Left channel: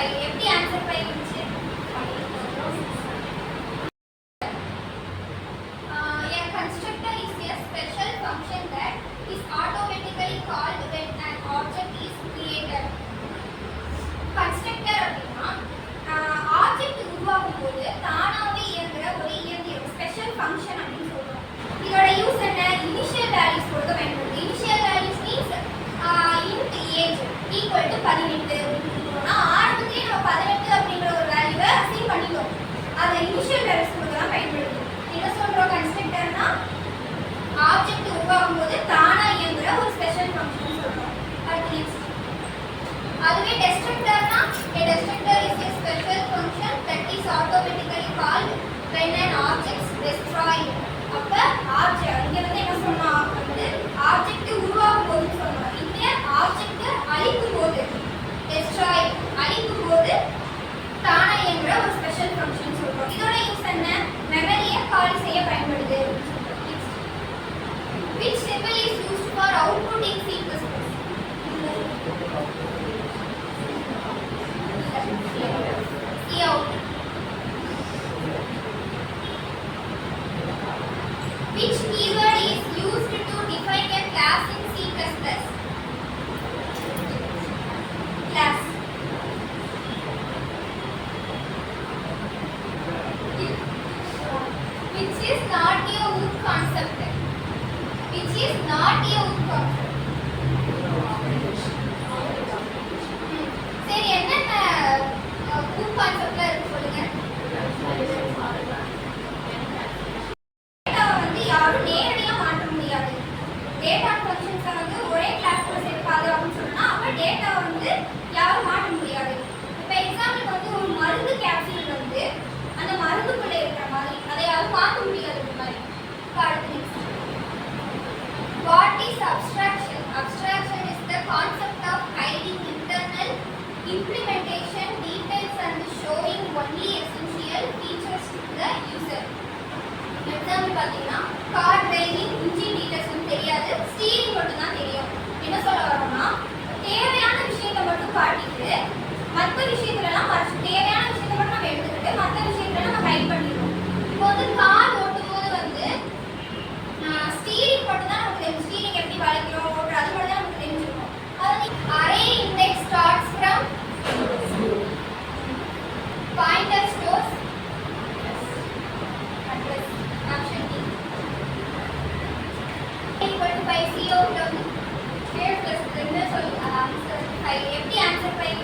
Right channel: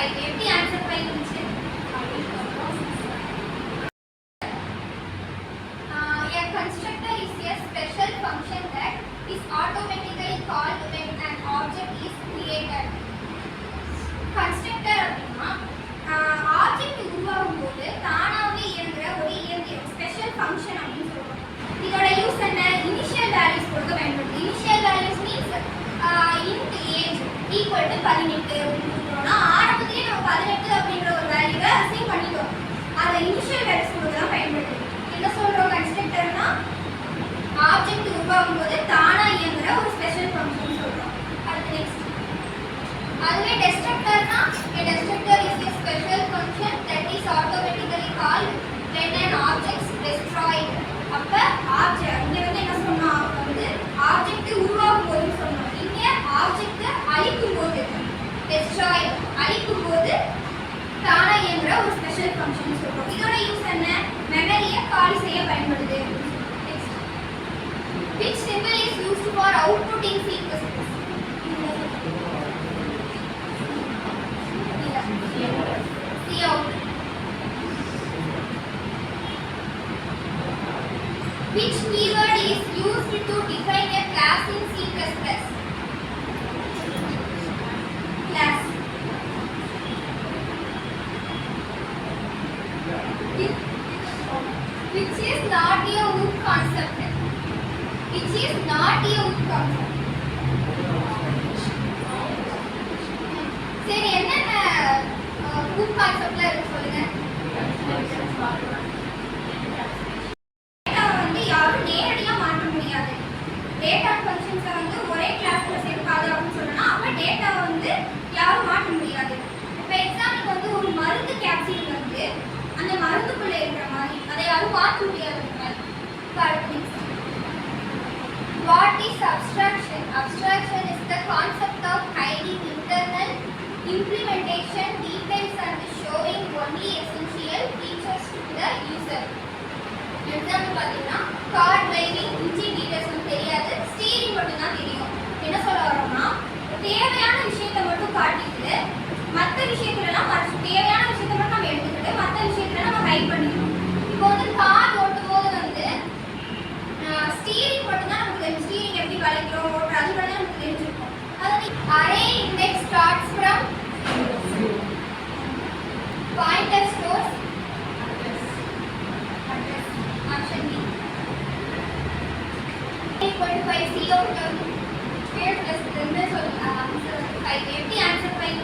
5 எப்படி ஆன்சர் 5 இருந்துச்சு? A constructor is a special function that is automatically called when an object is created. Constructor அப்படின்னா ஆப்ஜெக்ட் உருவாகும் போது தானாவே இயங்குற ஒரு இயந்திரம், ஸ்பெஷல் ஃபங்க்ஷன் அப்படின்னு சொல்றோம். இதோட யூஸ் என்ன? இனிஷியல் வேல்யூஸ் கொடுக்க பயன்படுது. Initial values means int age equal to 18 அப்படின்னு சொல்றோம்னா ஆரம்பத்திலே நம்ம 18 அப்படிங்கற ஒரு வேல்யூவை அசைன் பண்ணிட்டோம். அத இனிஷியல் வேல்யூஸ் கொடுக்க தான் பயன்படுது. என்ன சொல்றோம்? கன்ஸ்ட்ரக்டர்னா ஆப்ஜெக்ட் உருவாகும் போது தானா இயங்குற ஒரு ஸ்பெஷல் ஃபங்க்ஷன் சொல்றோம். அடுத்து நெக்ஸ்ட். அதுவே destructorனா a destructor is a special function that is automatically called when an object is destroyed. அப்ப ஆப்ஜெக்ட் இங்க வந்து என்ன சொன்னா வந்து ஆப்ஜெக்ட் உருவாகும் போது சொன்னோம். இங்க ஆப்ஜெக்ட் அழிக்கும் போது destroy அழிக்கும் போது தானா இயங்குற ஒரு ஸ்பெஷல் ஃபங்க்ஷன் சொல்றோம். இதோட யூஸ் என்ன? மெமரியை காலி செய்ய பயன்படுது. Which symbol is used for output in C++? Cout. Which keyword is used to define a class in C++? Class. Which is not a OOP concept. Which is not a OOP concept. சரி, என்னென்ன OOP conceptல இருக்கு சொல்லுங்க. டேட்டாவை வந்து யாரும் நேரடியா மாற்ற முடியாது. டேட்டா ஃபங்க்ஷன்ஸை வந்து ஒரே கிளாஸ்ல சேர்க்காது அப்படின்னு சொன்னா அப்ப டேட்டாவை வந்து யாரும் மாற்ற முடியாது. இப்போ எக்ஸாம்பிளுக்கு வந்து ஒரு மருந்து கேப்சூல் வந்து அந்த மருந்துக்குள்ள இருக்கிற மாதிரி அதை யாரும் மாற்ற முடியாது. அடுத்து what is abstraction? Abstraction is the concept of hiding internal implementation details and showing only essential features to the user. Example பார்த்தீங்கன்னா கார் டிரைவிங் இன்ஜின் டீடைல்ஸ் தெரியாது, ஸ்டீரிங் மட்டும் தான் தெரியும். என்ன சொல்ல வரோம்னா தேவையான விஷயத்தை மட்டும் காட்டிட்டு மற்ற விஷயத்துலலாம் மறைச்சு தேவையான விஷயத்தை மட்டும் நம்ம எடுத்துக்கிட்டு மற்ற விஷயத்துல நம்ம ஹைட் பண்ணிடுறோம். இப்போ வந்து கார் ஓட்டும் போது வந்து ஸ்டீரிங் மட்டும் தான் நமக்கு தெரியும். ஸ்டீரிங் எப்படி வளைக்கிறோம் ஓட்டுறோம் அது மட்டும் தான் நமக்கு தெரிஞ்சிருக்கும். அதாவது array index starts from pointer stores address option D equal to 5 cout வந்து ஸ்கொயர் பிளஸ் 2 சொல்லுங்க. ஆன்சர் 5 எப்படி ஆன்சர் 5